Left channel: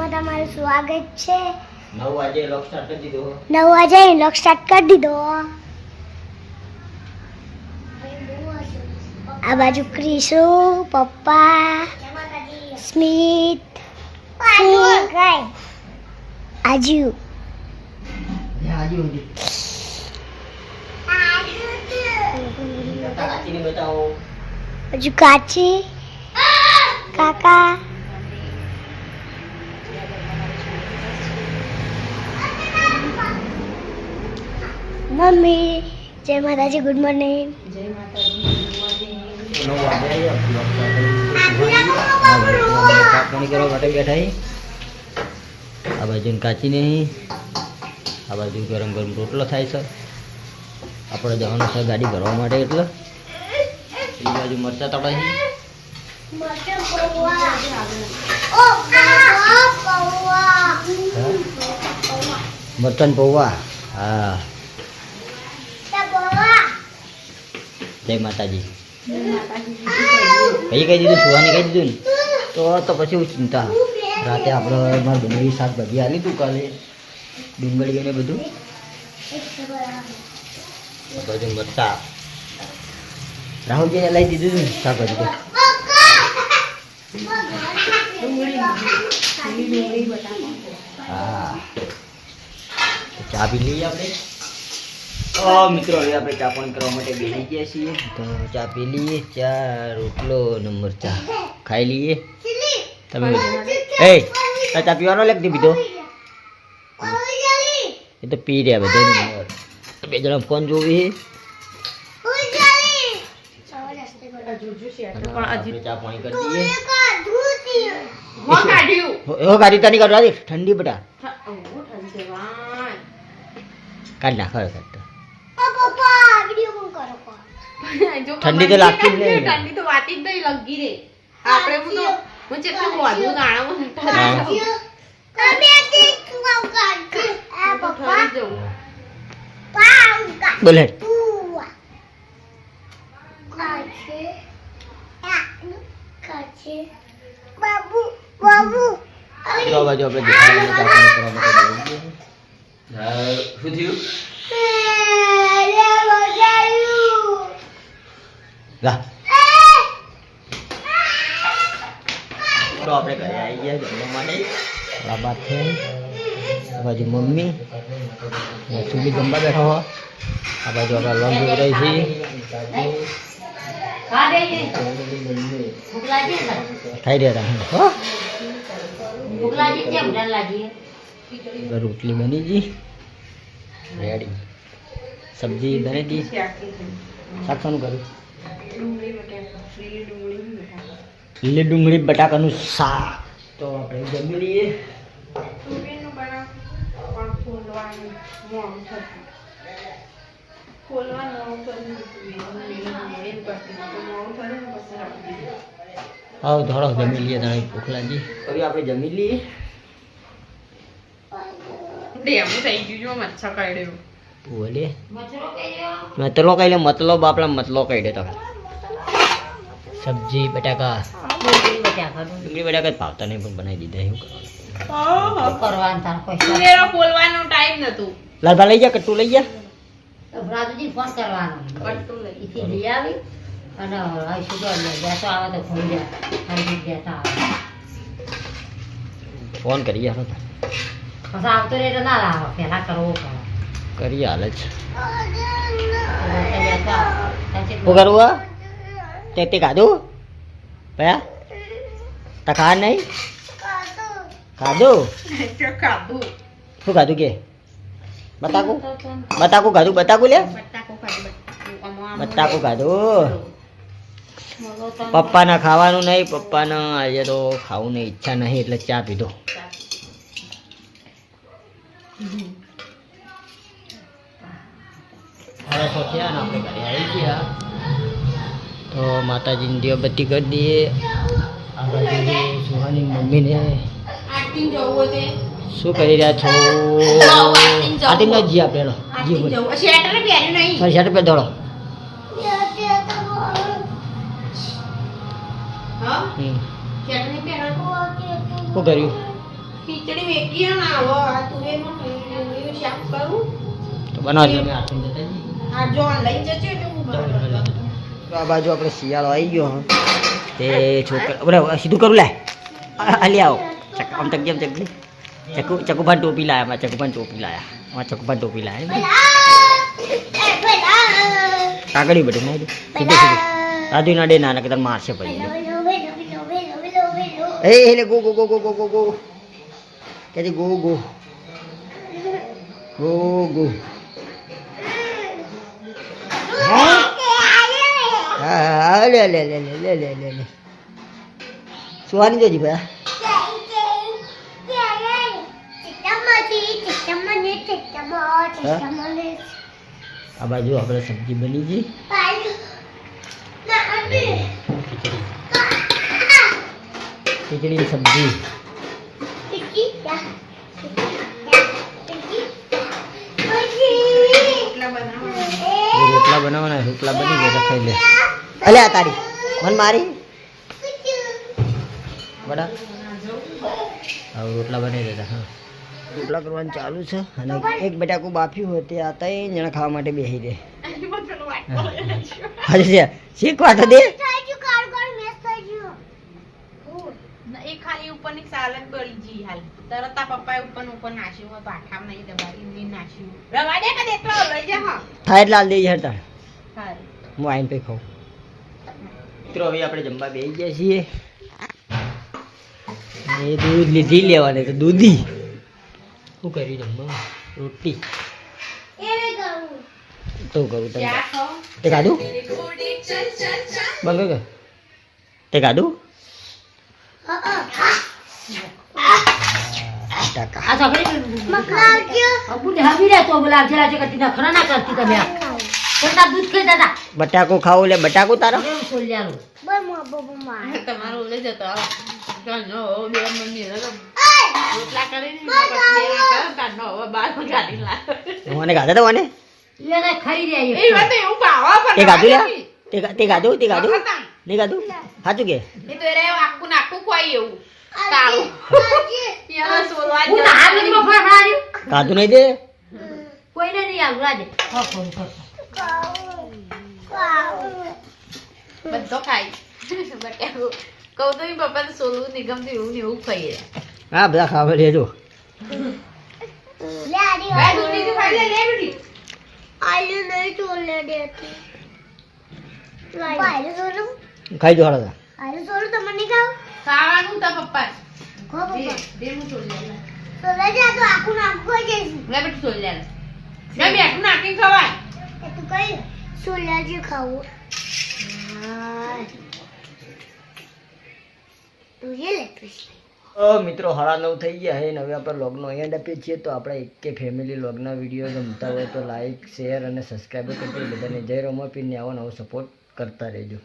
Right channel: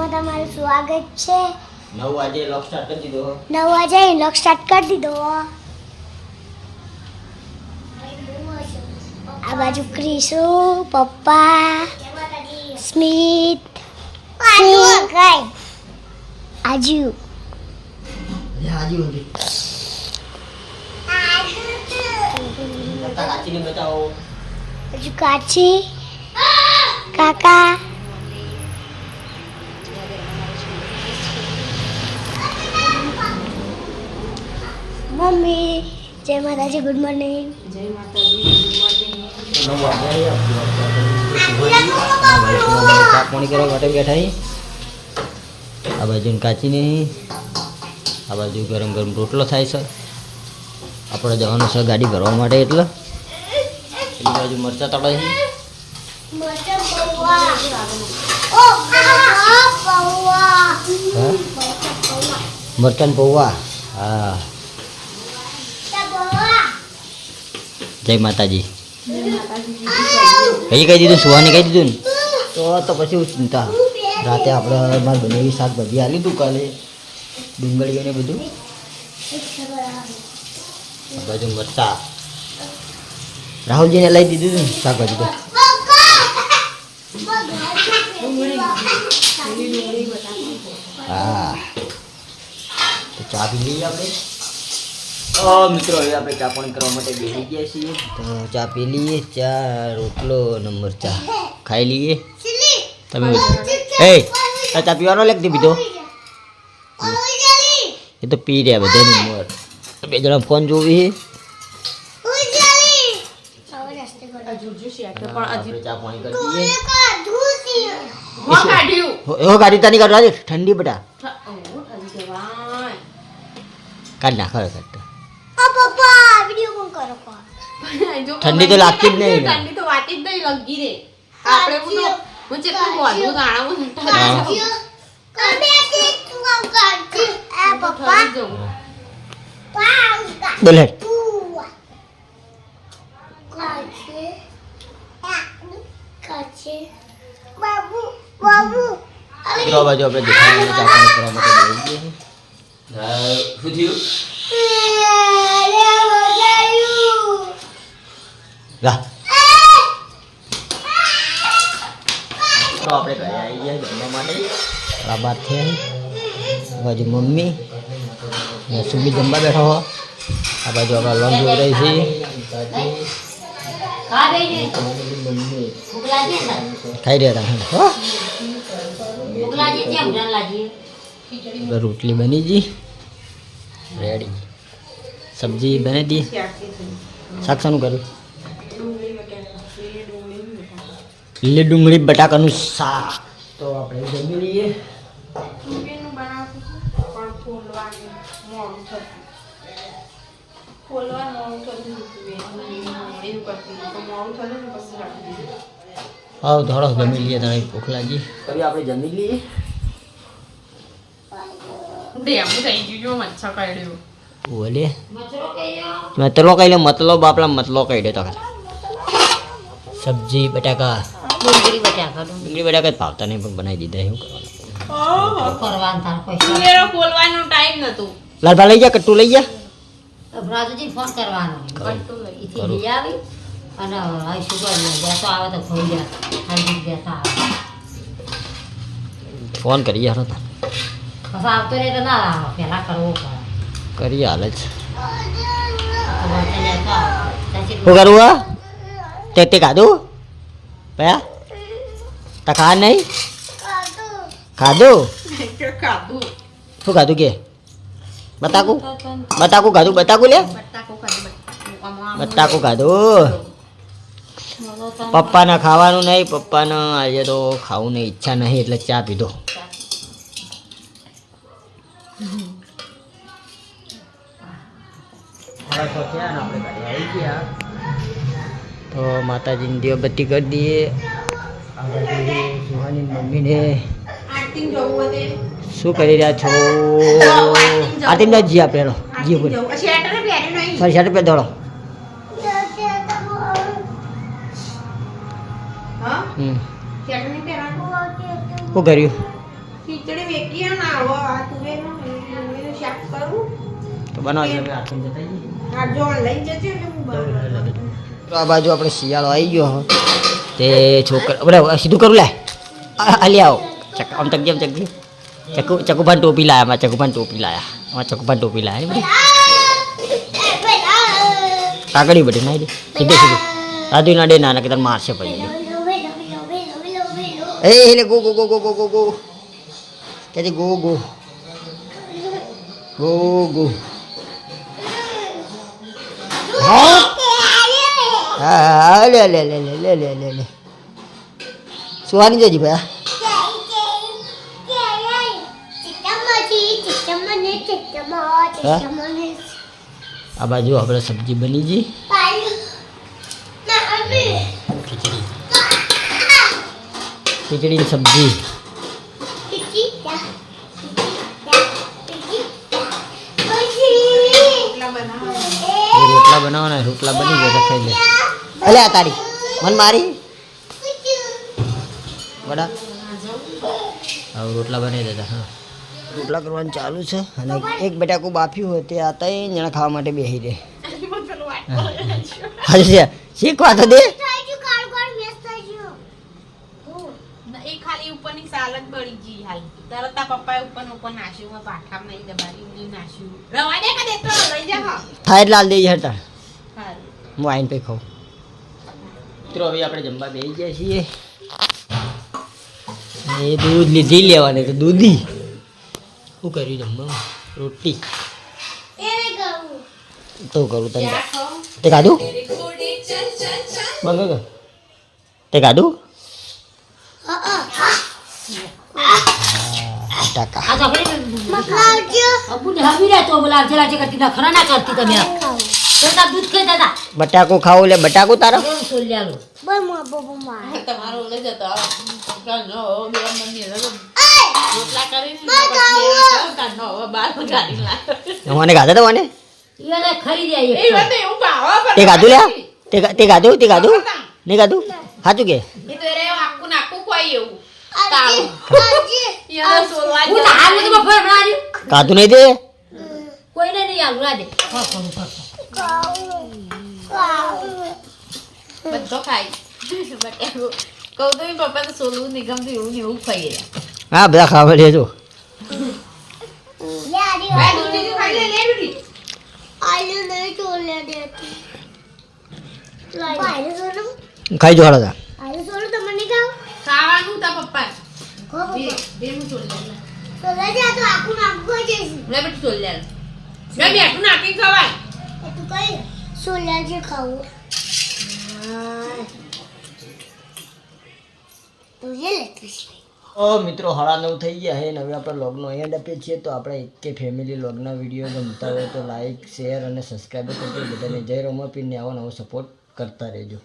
વિડિયોમાં તમારું સ્વાગત છે. 9 વાગે લોક સ્ટાર્ટ કરી દીધો. 9 વાગે લોક સ્ટાર્ટ કરી દીધો. આ બાજુ ક્રિશુ, પપ્પા, સ્મિત, આજુ. કાચીને બતાવો. હજુ કાચી, કાકા, મમ્મી. જય માતાજી, ગુડ મોર્નિંગ. જય માતાજી, ગુડ મોર્નિંગ. 9 વાગે લોક સ્ટાર્ટ ચા પાણી કરવા માટે બેઠા. આ બાજુ કાચી નહીં, આ બાજુ ગરમ ગરમ રોટલો થાય છે. આપણે જવાનું છે ગાડી ભરવા માટે, એટલે પેલી બાજુ મરચા તળાય. મટન પૌવા. હા, જય માતાજી. કઈ કહી દીધું, સુહાને કહી દીધું ને તો પછી ચિંતા. રાતે આપણે મારે બનાવી શાકભાજી આલી તું કાલે, ડુંગળી અને બધું. આ બાજુ મરચા રાહુલજીને લઈ દીધું ને શાકભાજી તો. હા, તો ચા પી લઈએ આપણે. મિત્રો, હવે આપણે ચા પાણી કરવા માટે બેસી ગયા છીએ. તો ચા પી લઈએ. ચા, રોટલો અને મરચા ખાઈ લઈએ. તમે ચા પીવાનો લખતી બીજો એ તો પી રહ્યા બધા. બે જણા ફોન જોવી. ચા પાણી કરી દઈએ. ગાડી તાની કાઢવા દે, ઠંડી બટા કાઢ નાખ. ઠંડી તો લાગતી જ નહીં. ઠંડી તો વાતી જ નહીં લગી રે. આપણે હું ચેટલું બોલું દાણામાં બોલે બાજુ આપણે દેખાડીને ચા પાણી કરવા માટે બેસી ગયા. શું થયું? તો આપણે ઘરે આવી ગયા જમવા માટે. આ બાદ છે બાજુ મમ્મી સુબી જમવા બેઠો હો. આ બાજુ આપણે લોન જોઈ રહી છીએ. ખાઈ રહ્યા હતા. રોટલી બની ગઈ, રેડી. સબ્જી બની દી. શાક શાનું કરું? લીલી ડુંગળી બટાકાનું શાક. તો આપણે જમી લઈએ. હા, ધોળો જમી લઈએ. તમે ભૂખ લાગી કરી આપણે જમી લઈએ. ઓલે મતલો કહી લે, મતલો બાપલા મતલો કહી દે. તો સબ્જી બટાકા, ડુંગળી બટાકા ભાવતા નહીં પણ બનાવી દીધા. બોલવાનો ટાઈમ નતું. લાલભા લઈ જા, કટ્ટુ લઈ જા. રાજુજી ફોન કરવાનો કટ્ટુ લઈ આવી અને આઈશું તો બેસો આવે તો થઈ જાય. આઈ બેઠા ફોન કરી યાર. પછી આવતો રહે તો ના લાવો, પહેલાં કરવો પડે. કરી હાલ જ. શું કરવું? તે ખાધું ભયા? તા ખા નહીં? ખાધું? શું ખાધું કે? બતાકું બતાકું ખાધું? બતાકું લે, બતાકું ખાધું. પપ્પાને ખાવાનું નહીં. પપ્પાને આજે તો ખાવું નહીં, ઈચ્છા નહીં, એટલે ચા પીધો. આપણે ઘરે આવી ગયા તો માતાજીની દીવાબત્તી કરી દઈએ. આ બાજુ સુહાની મમ્મીને શું કરી રહ્યા છો? આથી ન જી આપણે જી શર્ટ પે દોડો. શું કર્યું? ખીચડી વેકી ના આવો આ તુવેરનું ડુંગળીનું શાક કરું તો બનાવજો અમે આઠમ જતા જઈએ. આ જો લઈ જજો એટલે હું બનાવું. તો આ બાજુ આપણે શિયાળો આવી ગયો હો. તે છોકરા આપણે સીધું કરું લાય આલી આવો આમ તક જેમ ચકુભાન ટોપી લાયા અમારા ચકુભાન ટોપી લાયા અમારા ચકુભાન ટોપી લાયા કાકડી બધી નાઈ દે સીધે સીધું રાધુ ના ડે નાના કે તને મારશે પછી એ go go go go go go go કે ગો ગો ગો ગો હા લે લે લે લે લે લે લે લે સુહાની જજી ભાઈ આ બાજુ આપણે સબ્જી બની ગઈ ખીચડી સબ્જી રોટલા બનાવવાના રોટલા બની ગયા ખાઈ લે અલે આ તારી મન મારી બડા હવે રોટલા બનાવી દેતા હા રોટલા કરવાનું ચાલુ છે અને એક બટાકું બાફ્યું હોય તે આતા એ જણા ખાવા માટે બેસી દે હા શીખવા તો દે એ ખાલી ઉપરની સાલક બળી ગઈ હાલ તરત આ પપ્પાએ ઉપર નાખ્યું પાઠામ નહીં તમારી નહીં નાખ્યું રવા દે કે દેતો લઈ જા હા થાય લાલ દે હટા સારું હું આઈને પે ખાઉં મિત્રો હવે આપણે જમવા બેસી ગયા છીએ એ દૂધ લીધી લેવાની તો દૂધી શું કર્યું જમવા રોટલી તો કરું તને તે ખાધું બંધ તે ખાધું ટકા આ છોકરી અબુને હમી રે તો બોલાવ જરા જે કરતી ના ખરા ના કરતી તમે તો દૂધ ખાઈ દાદા બટાકો ખાવું લે બટાકો તારો સોલ્યાલો તમારું લઈ જતો નો બે મમ્મી રોટલા કરીને પછી દેવા કરો નો બાર ગાડી લાવ મને ગાધા તો મને એને ખરી જાય એ વાત એવું પાવા તે ગાધું લે તે ગાધું નહીં ગાધું સાચું કે એ તો રે આખું નાખું કોઈ એવું તાળું યાર સોલવા હું તો હાલ નથી બફર માર્યું ગાધું નહીં દે કોઈને નહીં આલું રાડે બધો ખાઈ કહું તો પપ્પા તો સોલવું નહીં ગમતું એવું ને એવું ખાઈ રહ્યા હા બધા ખાવા લેજો ખાઈ જો હાલો ખાવાનું તા પપ્પા બેનું સોલ લે બેટું સોલ લે બેટું નાખીને ખવાય ખાવું મિત્રો 9:30 થઈ ગયા છે ને હવે આપણે લોગનો એન્ડ આપીએ છીએ તો આપણે એકે ફેમિલી લોગના વિડીયો ગમતા હોય તો લાઈક શેર અને સબસ્ક્રાઈબ કરજો બધાને જય રોમાપીરને આવો નવો સપોર્ટ કરતા રહેજો.